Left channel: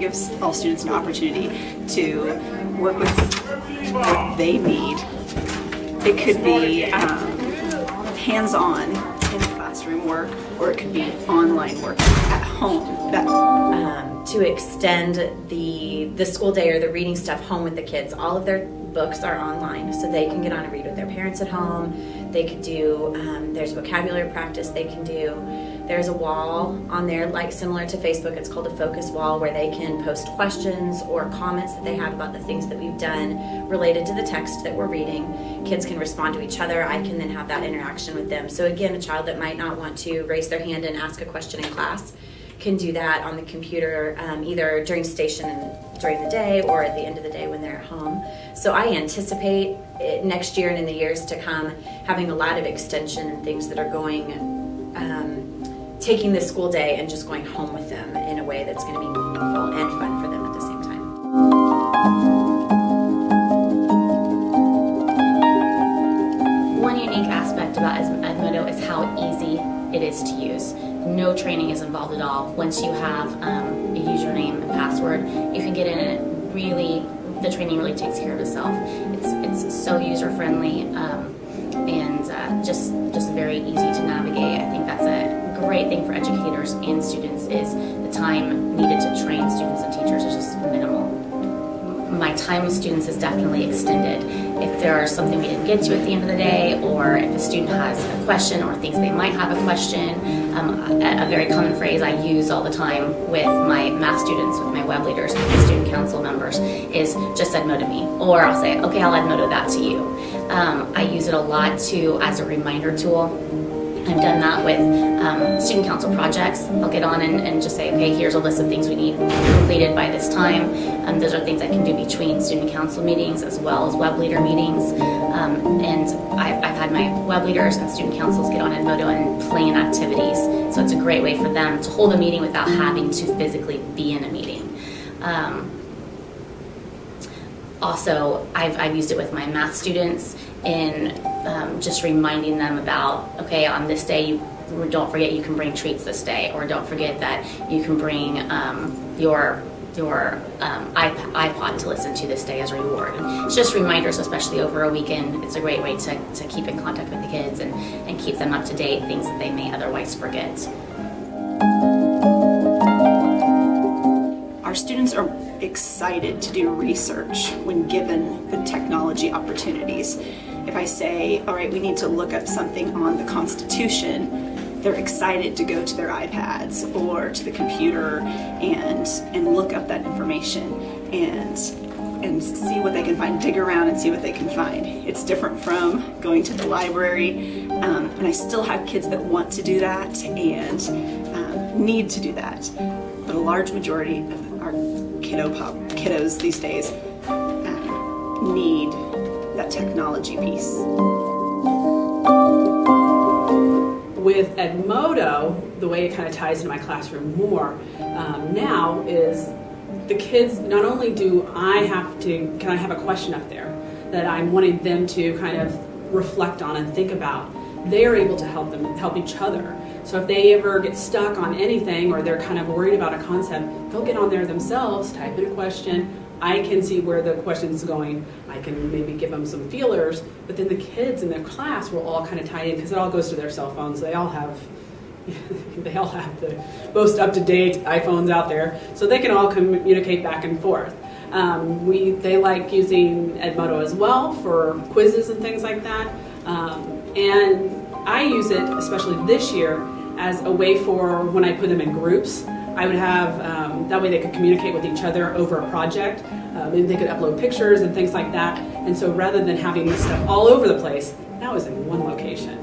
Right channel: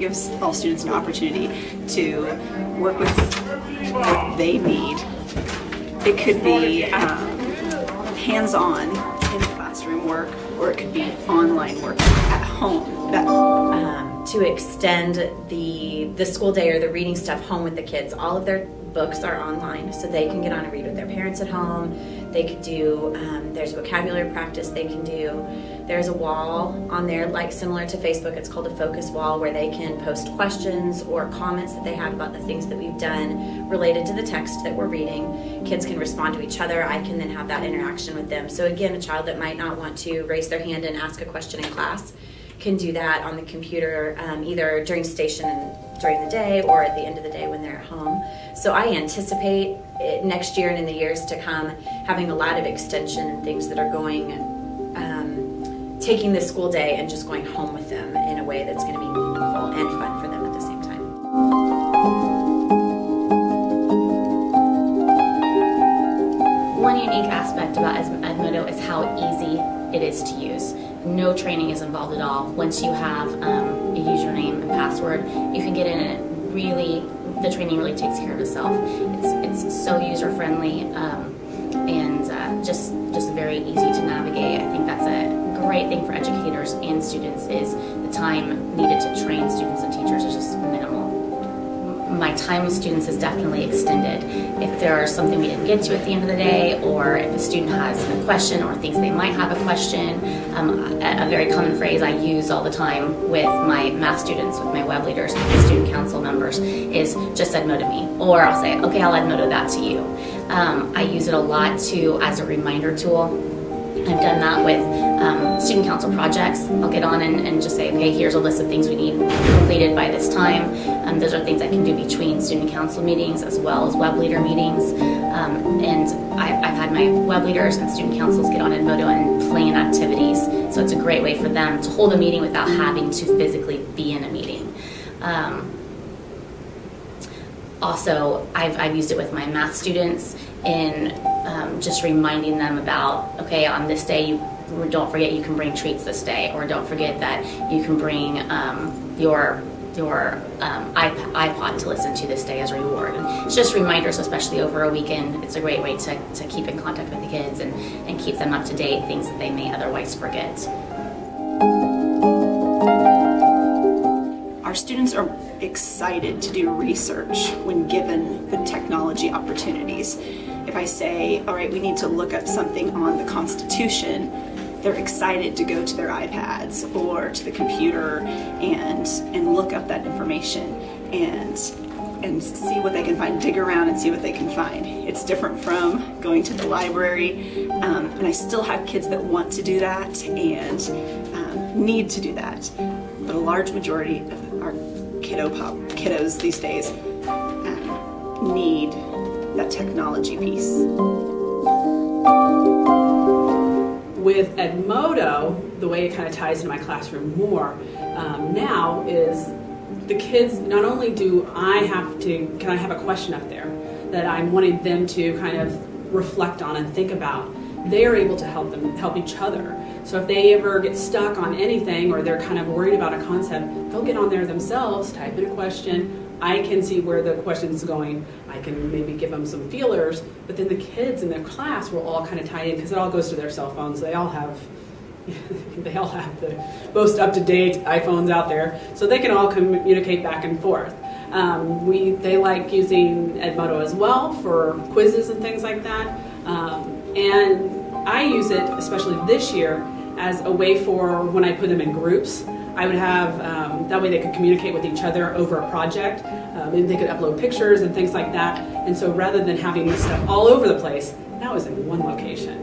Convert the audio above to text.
gives all students an opportunity to work with what they need. It could be hands-on in classroom work, or it could be online work at home. To extend the school day or the reading stuff home with the kids, all of their books are online, so they can get on and read with their parents at home. They could do, there's vocabulary practice they can do. There's a wall on there, like similar to Facebook, it's called a focus wall, where they can post questions or comments that they have about the things that we've done related to the text that we're reading. Kids can respond to each other. I can then have that interaction with them. So again, a child that might not want to raise their hand and ask a question in class can do that on the computer, either during station and during the day or at the end of the day when they're at home. So I anticipate next year and in the years to come having a lot of extension and things that are going, taking the school day and just going home with them in a way that's going to be meaningful and fun for them at the same time. One unique aspect about Edmodo is how easy it is to use. No training is involved at all. Once you have a username and password, you can get in and the training really takes care of itself. It's so user-friendly and just very easy to navigate. I think that's a great thing for educators and students, is the time needed to train students and teachers is just minimal. My time with students is definitely extended. If there's something we didn't get to at the end of the day, or if a student has a question or thinks they might have a question, a very common phrase I use all the time with my math students, with my web leaders, with my student council members, is just Edmodo me. Or I'll say, okay, I'll Edmodo that to you. I use it a lot too as a reminder tool. I've done that with student council projects. I'll get on and just say, okay, here's a list of things we need completed by this time. Those are things I can do between student council meetings as well as web leader meetings. And I've had my web leaders and student councils get on Edmodo and plan activities. So it's a great way for them to hold a meeting without having to physically be in a meeting. Also, I've used it with my math students in just reminding them about, okay, on this day, don't forget you can bring treats this day, or don't forget that you can bring your iPod to listen to this day as a reward. And it's just reminders, especially over a weekend. It's a great way to keep in contact with the kids and keep them up to date, things that they may otherwise forget. Our students are excited to do research when given the technology opportunities. If I say, all right, we need to look up something on the Constitution, they're excited to go to their iPads or to the computer and look up that information and see what they can find, dig around and see what they can find. It's different from going to the library, and I still have kids that want to do that and need to do that. But a large majority of our kiddos these days need that technology piece. With Edmodo, the way it kind of ties into my classroom more now is the kids, not only can I have a question up there that I'm wanting them to kind of reflect on and think about, they are able to help each other. So if they ever get stuck on anything or they're kind of worried about a concept, they'll get on there themselves, type in a question. I can see where the question's going. I can maybe give them some feelers, but then the kids in their class will all kind of tie in, because it all goes to their cell phones. They all have the most up-to-date iPhones out there, so they can all communicate back and forth. They like using Edmodo as well for quizzes and things like that. And I use it, especially this year, as a way for when I put them in groups. I would have, that way they could communicate with each other over a project, and they could upload pictures and things like that. And so rather than having this stuff all over the place, that was in one location.